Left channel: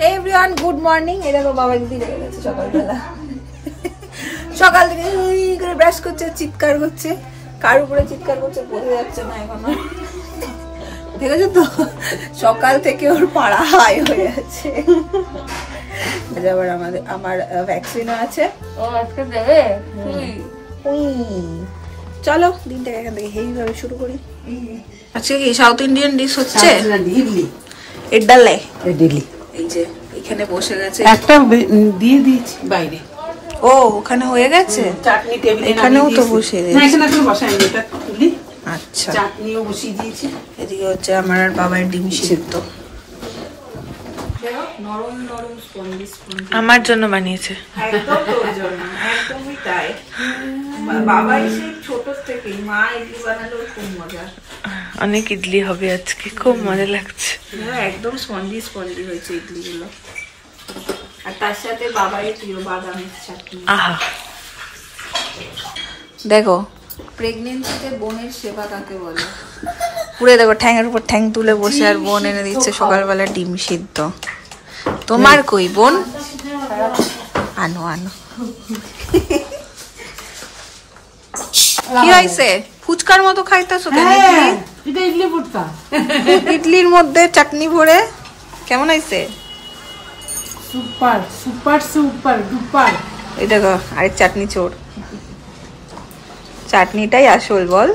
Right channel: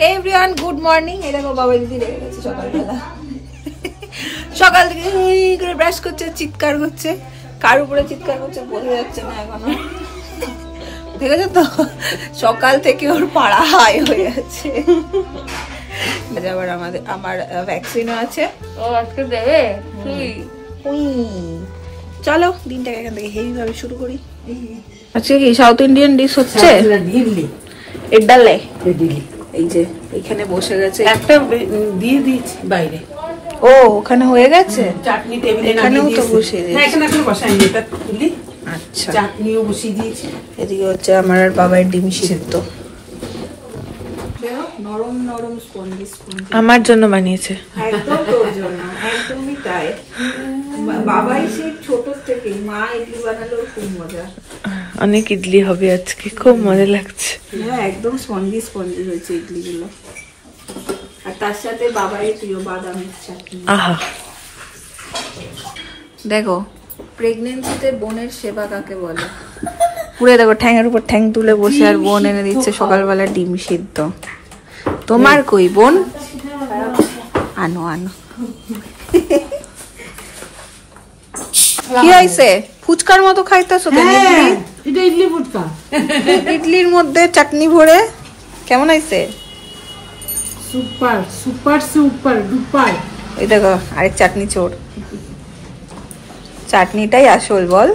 Hey everyone, good morning. এই দেখো বাবা দিদি রেগে গেছে সকালবেলা। সকাল থেকে করে ব্রাশ করছে, চিৎকার করছে, কার উপরে চিৎকার করছে বোঝা যাচ্ছে না এখনো। দেখেছো তো সকাল থেকে ওর পাড়া হাই হয়ে আছে। আবার আমার ভ্যাকসিনও আছে, ও আজকে দেবে। চলো দিনটাকে এখান থেকে হেভি ভাবে শুরু করি। আজকে কি সাউথ ইন্ডিয়ান ডিশ হচ্ছে? ইডলি। এই যে এখানে বসে গেছে, একটা দিয়ে দিয়েছি বাইরে। ও ওখানে হয়ে গেছে, চাটনি টেবিলে এখানেও তো বসে গেছে। এখানে একটু বসাইনি, এটা তুলি। আচ্ছা, চাটনিও বসিয়ে দিয়েছি। এদিকে হচ্ছে আমার আর বাবার ডিম সিদ্ধ, নরম নরম স্পঞ্জি স্পঞ্জি আমার জন্য বানিয়েছে। একদম তোর জন্য, একদমই তাই। বাবাই সেই ছোট থেকে মা ইডলি বানালো, খুব মজা। অনেক ইডলি হবে আজকে, খুব মজা লাগছে। একদম স্পঞ্জি স্পঞ্জি হয়েছে ইডলি গুলো, আর তার সাথে বাবাই প্রিয় বাদামের চাটনি। আহা, দেখো প্রেগনেন্সিতে বোনের সেবা কাকে বলে। পুরো দেখো ঠ্যাঙের উপর ঠ্যাং তুলে বসে আর বোন এনে দিচ্ছে সকালবেলা ডিম সিদ্ধ। তোমার কই বোন? আনো আনো। কি হয়েছে? ফুচকার মতো খাইতেছো কেন? এটা ইডলি ফুচকা, ইডলির মধ্যে চাটনি ভরে। কেমন হয়েছে? Super super super duper. এই দেখো আরেক চাটনি চোর, চাটনিটাই আসল বল।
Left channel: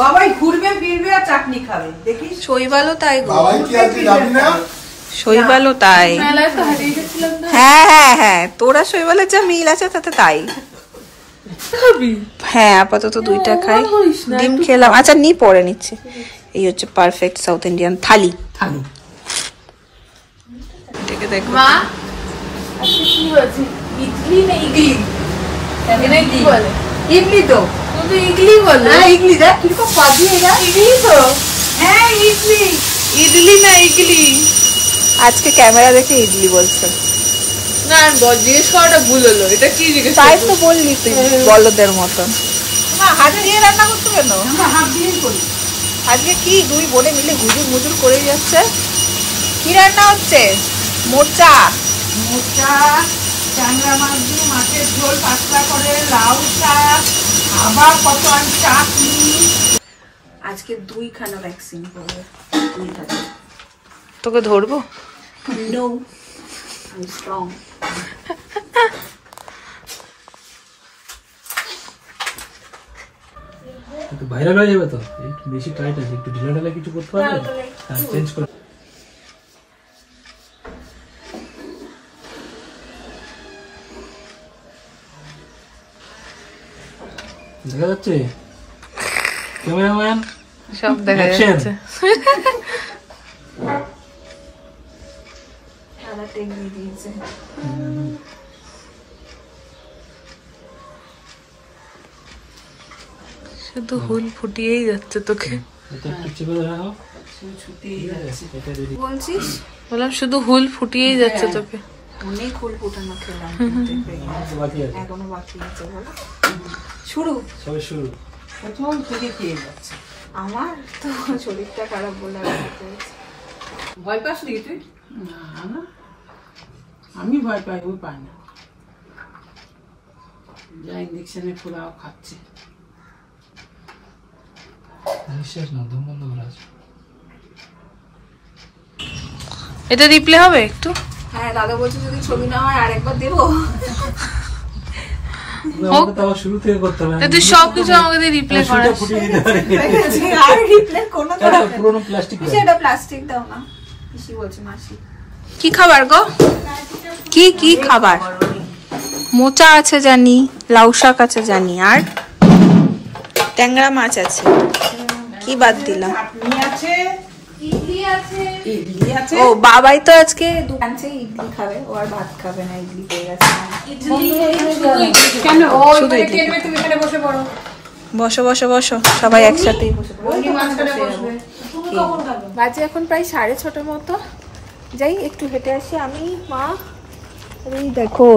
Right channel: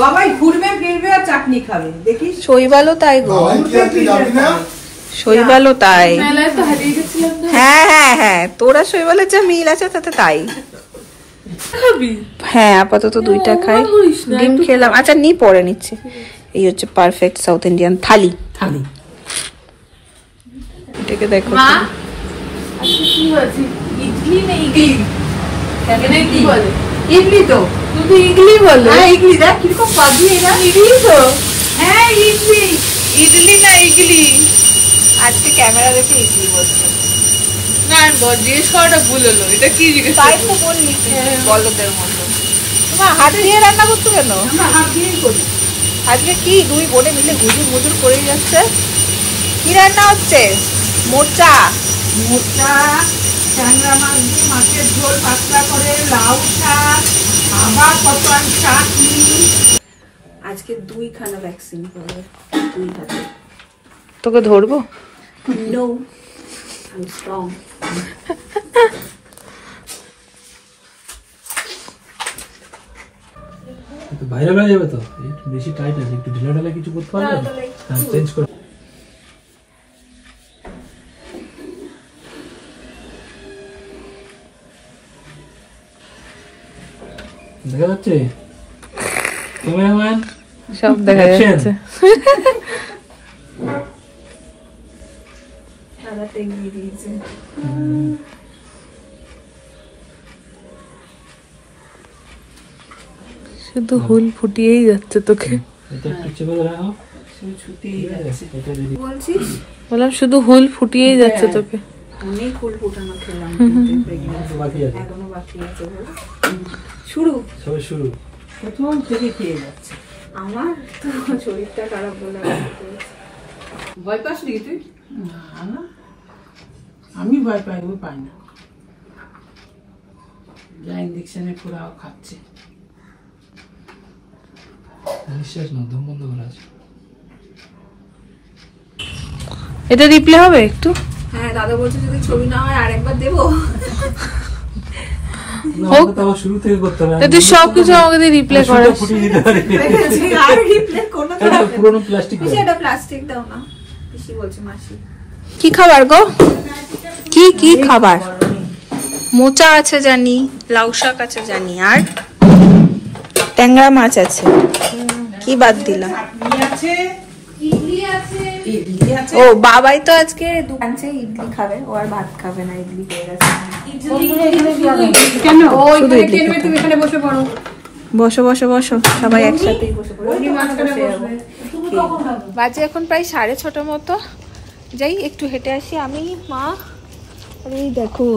বাবাই ঘুরবে ফিরবে আর চাটনি খাবে, দেখিস। শৈবালও তাই গো, শৈবালও তাই। হ্যাঁ হ্যাঁ হ্যাঁ, তোরা শৈবালের যা মিল আছে তাতে তাই। হ্যাঁ আপাতত দুইটা খাই, ডিম খেলাম। আচ্ছা নি পরে নিচ্ছে। এই হচ্ছে পারফেক্ট সাউথ ইন্ডিয়ান থালি। থালি এটাকে দেখো কি হচ্ছে, ইডলি না ইডলি? এখানে কি বলে? ইডলি তো তুই ইডলি বলে। হ্যাঁ ইডলি, দেখ কিরকম পাজিয়ে না। ইডলি তো, হ্যাঁ ইডলি। ইডলি না ইডলি? আজকে ক্যামেরা দেখে ইডলি বলছে না, জিজ্ঞেস করাটা ভুল হলো। এটা কি জিজ্ঞেস? তাই তো বললি বলদের মতন। তোমার হাত দিয়ে রান্না করছো কেন? হাত দিয়েই করছি। আজকে কি দুই বোনে মিলে হুজুর মুজুর করে যাচ্ছে। কি রান্না হচ্ছে? মোচা। মোচা, ট্যাংরা মাছ দিয়ে মাছের ঝোল, পাতলা করে লাউ শাক, আবার কত চাটনি। আজকে দুইখানা ভ্যাকসিন করবে, দুই হাতে। তোকে ধরবো? No, I'm strong. তো ভাইরাল হয়ে যাবে তো, বেশি টাইট আছে, একটু ঢিলা ঢালা কিছু করতে পারবে না, চেঞ্জ করে। দেখা যাচ্ছে ক্যামেরাম্যান? সব দেখা যাচ্ছে। শুধু হুল ফুটিয়েই যাচ্ছে তোকে। বললাম শুধু হুল ফুটিয়েই যাচ্ছে তোকে। অনেক হুল ফুটানো খেলাম, এখনো বাকি আছে। শুরু সবে শুরু, প্রথম থেকে খেয়ে যাচ্ছে। আমার তো শরীরটা খারাপ বলে ভয় পাস নি তুই? না, আমি ভয় পাই, ওই পাই না। যা ইঞ্জেকশনে পুরাও খাচ্ছে। এটা রিপ্লে হবে একটু? হ্যাঁ দাদা বলছে যদি ছবি না হয় আরেকবার দেবো। তুই সবকিছু আমাকে দিয়ে রিপ্লে করাস। কি খাবার গো? কি কি খাবার? মোচা আছে জানি, লাউ শাক আছে জানি, আর ট্যাংরা মাছ আছে। কি বাদ দিলাম? ও বাবাই তো আজকে দোকানে ইডলি খাবে, ও আর ভাত খাবে না, ইডলি পেয়ে গেছে। কেন শুধু ইডলি? বসো বসো বসো, সবাই একসাথেই বসে পড়ো। বাজে এখন প্রায় 6:30 মতো। যাই একটু হেঁটে আসি আমি, মা। এই দেখো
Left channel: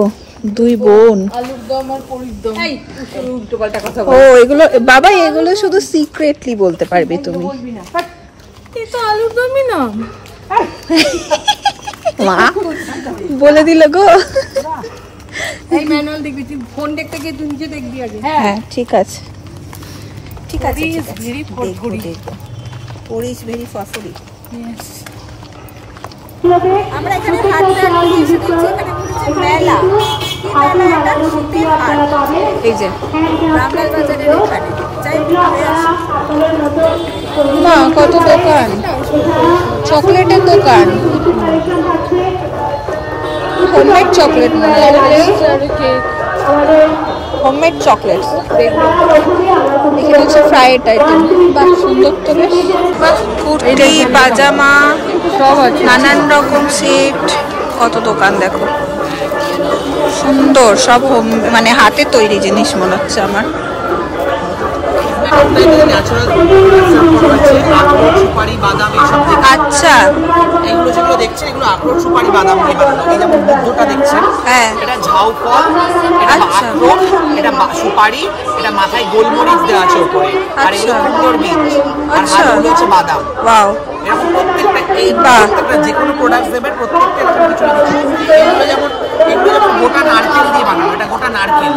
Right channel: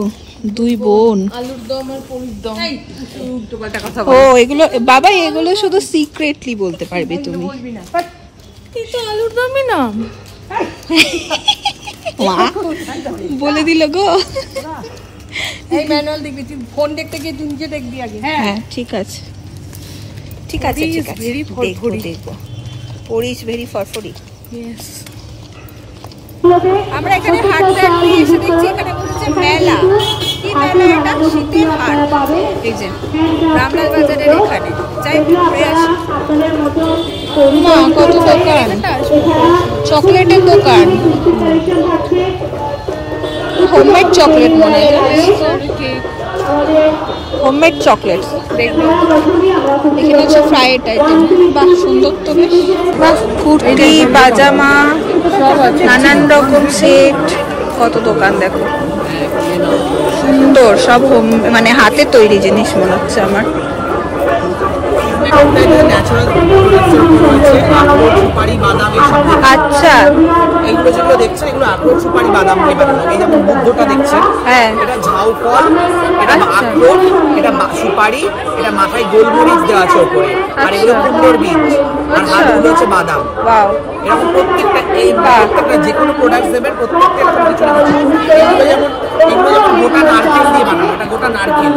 দুই বোন। আলুর দম আর পনির দম। ও এগুলো বাবা, এগুলো শুধু সিক্রেটলি বলতে পারবে তুমি। এই তো আলুর দমই না। মা বলে দিল গো। ফোন দেখতে গিয়ে তুই নিজে দেখবি আগে। হ্যাঁ ঠিক আছে ঠিক আছে ঠিক আছে, দেখো দেখো। পরিস ভেরি ফরফরি। আমরা এখানে হাঁটতে হাঁটতে এসে দেখছি এখানে বসেছে মেলা। কি মেলা এটা? শীতের হাট। এই যে রামলাল বাজারের এখানে, যাই ঘুরে আসি। মা কত দোকান, চকলেটের দোকান, হোমমেড চকলেট মনে হয়, হোমমেড চকলেট। এখানে হচ্ছে ফ্রাইড আইটেম, বাহ সুন্দর তো বেশ। বাহ কুর্তি পাজামা নানান রকম সেট, কত দোকান দেখো, সুন্দর সব হোম মানে হাতে তৈরি জিনিস মনে হচ্ছে আমার। আচ্ছা এগুলো যেগুলো দেখছেন এগুলো আখরোট সুপারি বাদাম দিয়ে বানানো। এই যেমন বুদ্ধটা দেখছেন, হ্যাঁ এটা ঝাউ ফল, এটা আখরোট, এটা সুপারি, এটা মাথায় গোলমরিচ দেওয়া আছে উপরে, আর এগুলো কুমড়োর বীজ, আর হাতগুলো হচ্ছে বাদাম। ওয়াও, এরকম প্রত্যেকটা যে কোনো প্রোডাক্ট দেবেন প্রত্যেকটা এগুলো যেমন গোটা নারকেল দিয়ে বানানো, এটা গোটা নারকেল।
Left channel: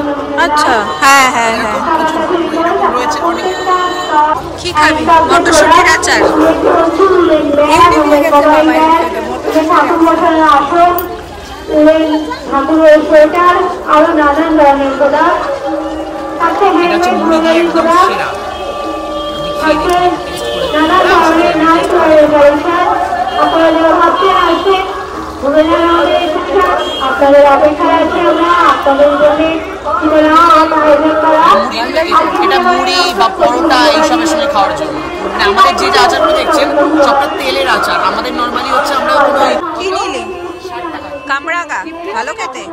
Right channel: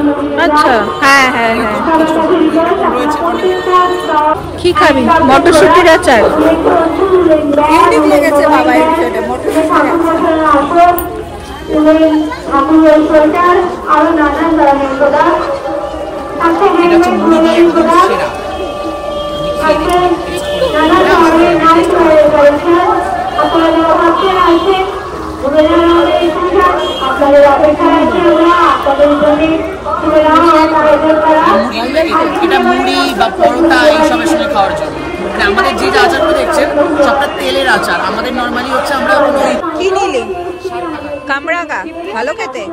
আচ্ছা হ্যাঁ হ্যাঁ হ্যাঁ। কি খাবি? মটরশুটির আচার। এমনি ভুলে গেছে বাবা এই বিষয়টা, মটরশুটির আচার। আরো নানান ধরনের প্রোডাক্ট এটা মুড়ি বা পরোটা এইসবের সঙ্গে খাওয়ার জন্য। আমাদের যে আচারগুলো দেখছেন সবটা তেলের আচার, আমাদের নর্মালি হচ্ছে আমরা কি নিলি? কামরাঙা ভালো খেতে।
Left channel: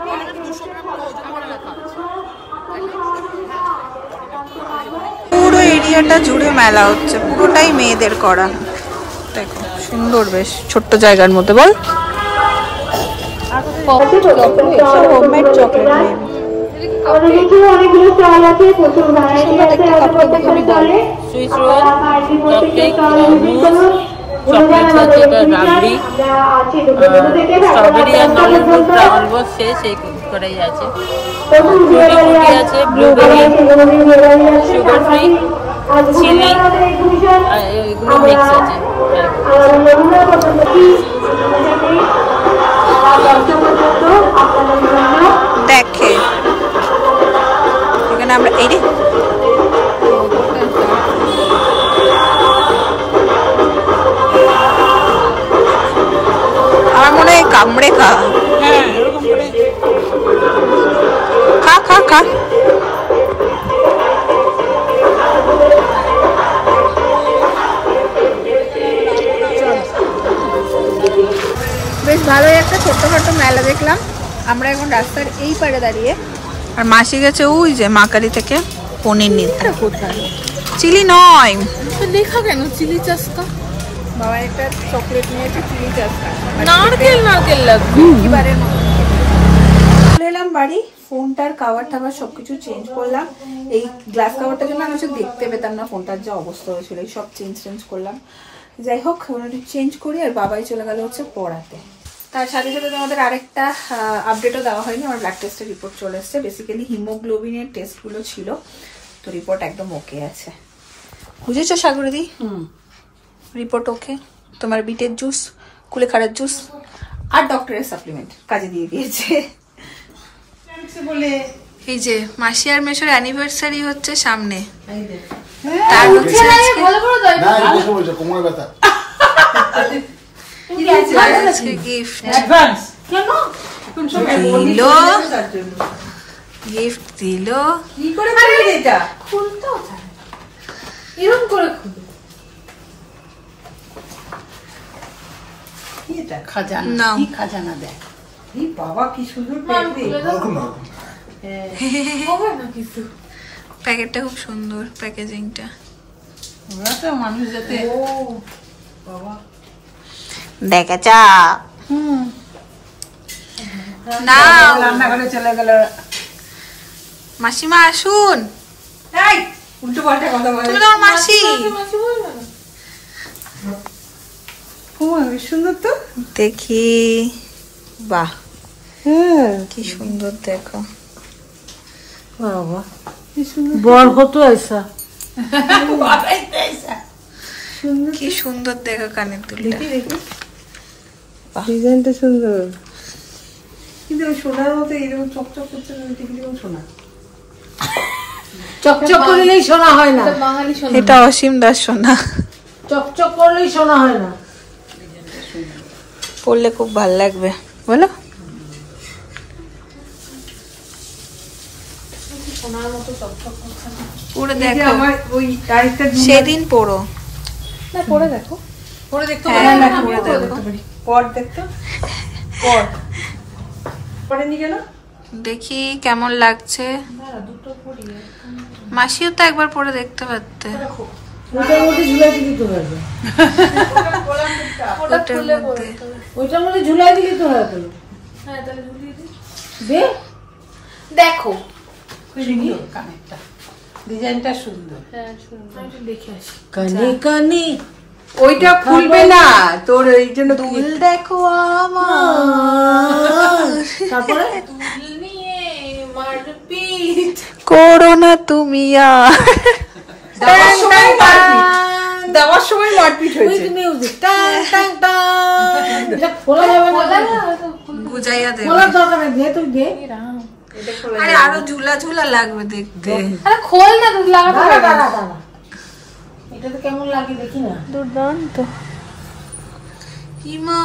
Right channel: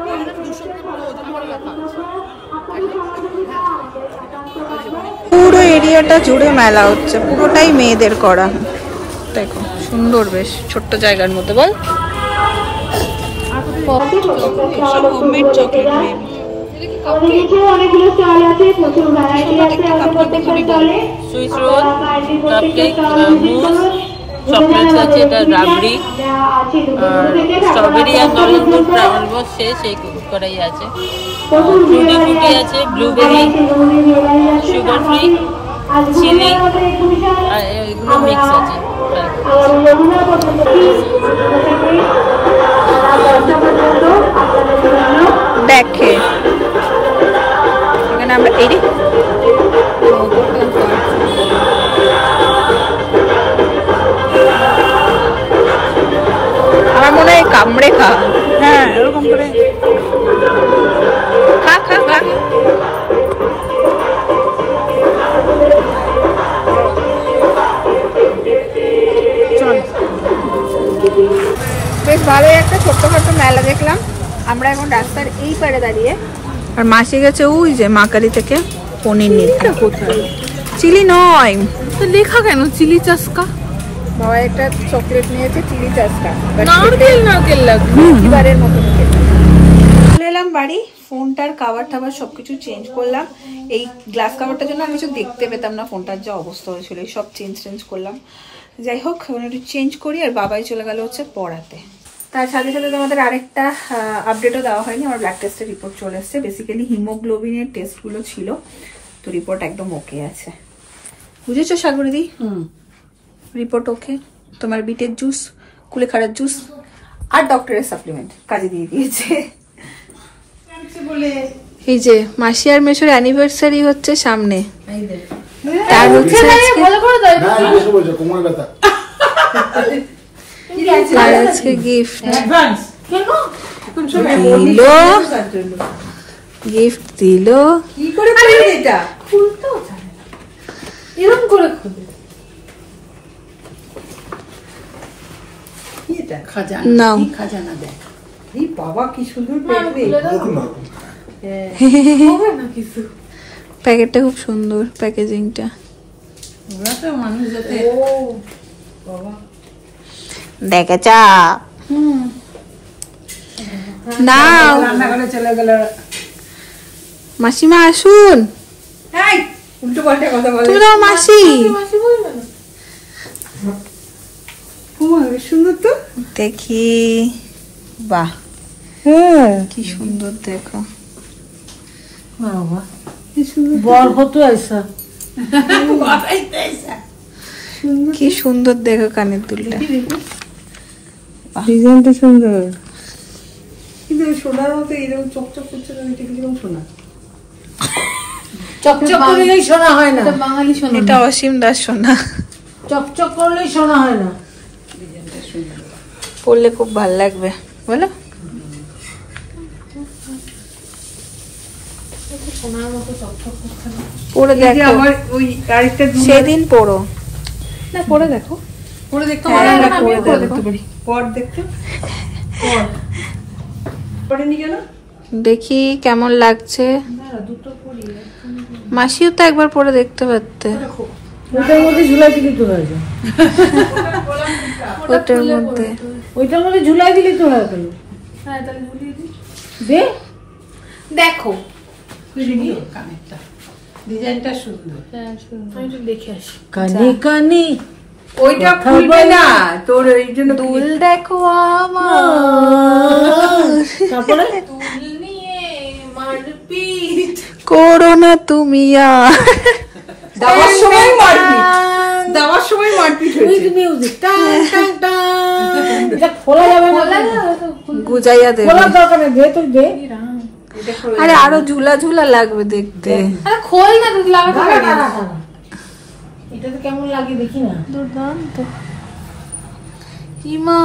পুরো এরিয়াটা জুড়ে মেলা হচ্ছে, পুরোটাই মেয়েদের করা। দেখো সুন্দর বেশ ছোট্ট জায়গার মধ্যে। বল হোমমেড চকলেট মেবি। অনেকগুলো স্টল আছে, প্রচুর ভ্যারাইটি আছে, স্ট্রবেরি আর নলেনগুড় ড্রাগন বসছে সেই করেই আছে, আছে ব্লুবেরি, সুগার ফ্রি, চিনি, আর এগুলো মিক্স আছে। দেখে এখানে আমরা এই রে আমার মনে হয় কামড়ে খা। হ্যাঁ খা খা খা। বেশ ভালোই একটা ছোট্টখাটো মেলা দেখলাম। আমরা এখন রাস্তার এই পারে দাঁড়িয়ে, আর মাসি গেছে ওই যে মাকারি থেকে পনির নিতে। কোথায়? চিলি নয়, লেখা কেন চিলি চাস্কা? বাবা একটা চকলেট নিয়েছে চিলি চাস্কা, নারকেল লাগবে এবারের মতন খেতে। চলে এলাম বাড়ি, ফোনটার কাভার টাভার সবকিছু চেঞ্জ করলাম। এই গ্লাস কাভারটার জন্য আমি কিছু দেখতে পেতাম না, ফোনটার যা অবস্থা হয়েছিল, সব চেঞ্জ করলাম। যাই হোক একটু চেঞ্জ করি, আর বাবাই চলে গেল হচ্ছে পড়াতে। তার সাথে সাথে তোমাদের আরেকটা আপডেটও দেওয়া হয়নি, আমার ব্লাড টেস্টের রিপোর্ট চলে এসছে। বেসিক্যালি হিমোগ্লোবিনের টেস্টগুলো ছিল, তো রিপোর্ট একদম ওকে আছে। বুঝেছো সাগরিদি? রিপোর্ট ওকে। তোমার বিটের জুস, কুলেখাড়ার জুস আর ডক্টরের সাপ্লিমেন্ট কাজে দিয়ে দিয়েছে। এই যে মাসি আর মেশোর অ্যানিভার্সারি হচ্ছে সামনে, তার হচ্ছে আজকে গিফট দিল, গিফট দিল। কি করে খুলবে এটা? খুলতেও জানে না, এরকম করে খুলবে। খাজানা দেখ। বাবা কি সুন্দর প্যাকেটটা, খুব সুন্দর প্যাকেজিংটা। দেখেছ না? চলে গেল মাসিমা আসুন। উল্টো পাল্টা কথা বলে। তুমি তো মাসি। সুন্দর তো। দেখি, বাহ কি সুন্দর দেখো। কি সুন্দর দেখো কানের দুলটা, ডিজাইনটা সুন্দর, কিন্তু সোনার মতো এরকম চকচক করছে, সোনা চকচক করলেই সোনা হয় না, বাঙালি সোনা। এটা অসীম দাস সোনা, চকচক করলেই সোনা হয় না। পরলে খুব ভালো লাগবে বলো। সোনার মতো চকচক করছে না। পরে দেখো, আমার ওই আরেকটা সেদিন পরো, না পরে দেখো, পরে দেখতে হ্যাঁ, পারি, হ্যাঁ, পরে দেখো। পর দেখতে পর পরেনি কেন? দেখি কেমন লাগছে। দুটো পরি, মাসিও তো একবার পরে দেখতে পারতে। ওইটার মধ্যে ঝুলাই দিলি তো হবে, ওইটার মধ্যে ঝুলাই দিলি তো হবে। হ্যাঁ তাহলে ঝুলিয়ে দিই, দে দেখো ডিজাইনটা সুন্দর। হ্যাঁ সুন্দর, আমি একটু দেখে আসি। কানি কানি ওইটা খুলবে না তোর, এই জন্য দুল দেখো। তারপরে দুল নিয়ে মারপিট করো না তুমি আর। দেওয়ার সময় মারপিট, দেওয়ার সময় মারপিট হয়েছে। মিউজিক টাং টাং টাং, এটা খোলা যাবে না, গুজাইয়া দেবে। খোলার দরকার নেই, দে তুই দে। আরে আরো ঝুলা ঝুলা লাগবে দেখতে। আরে খোল না, তুই লাগা দাঁড়া। এটা তো কেমন লাগে দেখি না। দুর্দান্ত। ইমা,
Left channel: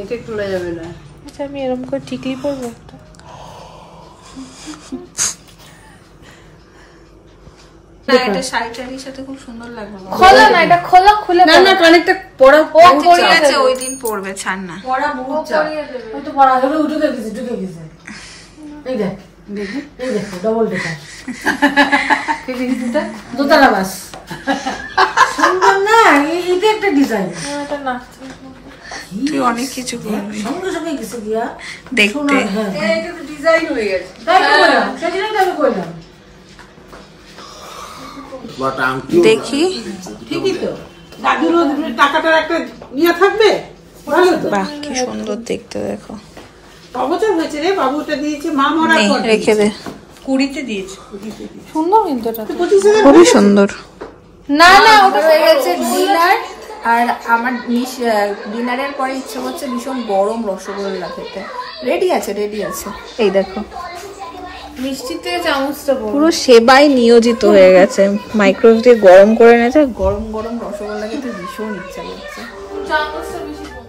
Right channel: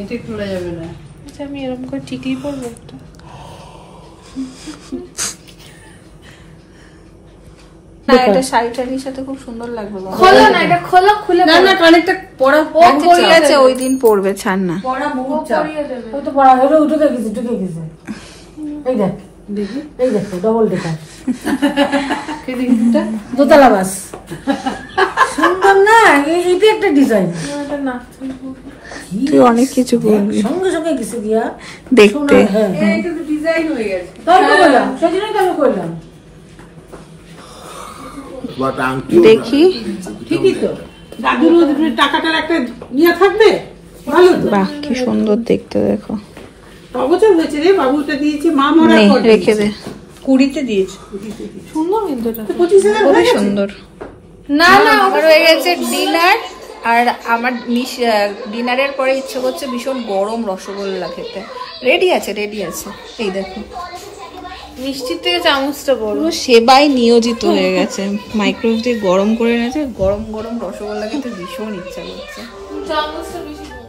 এটা খোলা যাবে না। আচ্ছা আমি এরকম করে টিকলি পরবো একটা। না এটা শাড়ি টাড়ির সাথে খুব সুন্দর লাগবে। খোলা না, এটা খোলা খুলে না, না কানেরটা পরা আচ্ছা ঠিক আছে, ওই দিন পরবে, ছাড় না। পরা মুচ্চা ওই তো পরা হলো, উঠে গেছে, ঢুকে গেছে। এই দেখ, দেখি এই দেখো ডবল ডেকার দোতলা বাস, সুন্দর না? এটা একটা ডিজাইন, এটা না তুই অনেক কিছু করবি সঙ্গে সঙ্গে কিছু গিয়া দেখতে। হ্যাঁ এটা তো ডিজাইন হয়ে গেছে, তাই তো বললাম, সেজন্যই তো আমি করলাম। দেখি, ঠিকই তো, দাদুর টাকাটার একটা ইয়া থাকবে, ভালো তো। বাহ কি সুন্দর দেখতে দেখো। অবচর হয়েছে রে, বাবুটা দিয়েছে মা মরা নে, পর রেখে দে। 20-তে দিয়েছে, সুন্দর কিন্তু এটা 25,000 খুবই সুন্দর। না না আমার হয়ে গেছে ডিনার, আর আমার ডিনারের পরে ইচ্ছে করছে ভীষণ গরম রসগোল্লা খেতে। রেডি আছে, রেডি আছে, এই দেখো মিষ্টিতে চামচটা বড়, পুরো সেবাই নিয়োজিত হয়ে গেছে। মাইক্রোওয়েভ দিয়ে গরম করে নিয়েছে, গরম গরম রসগোল্লা খেতে ভীষণ ইচ্ছা করছে। চামচটা বেশি বড়।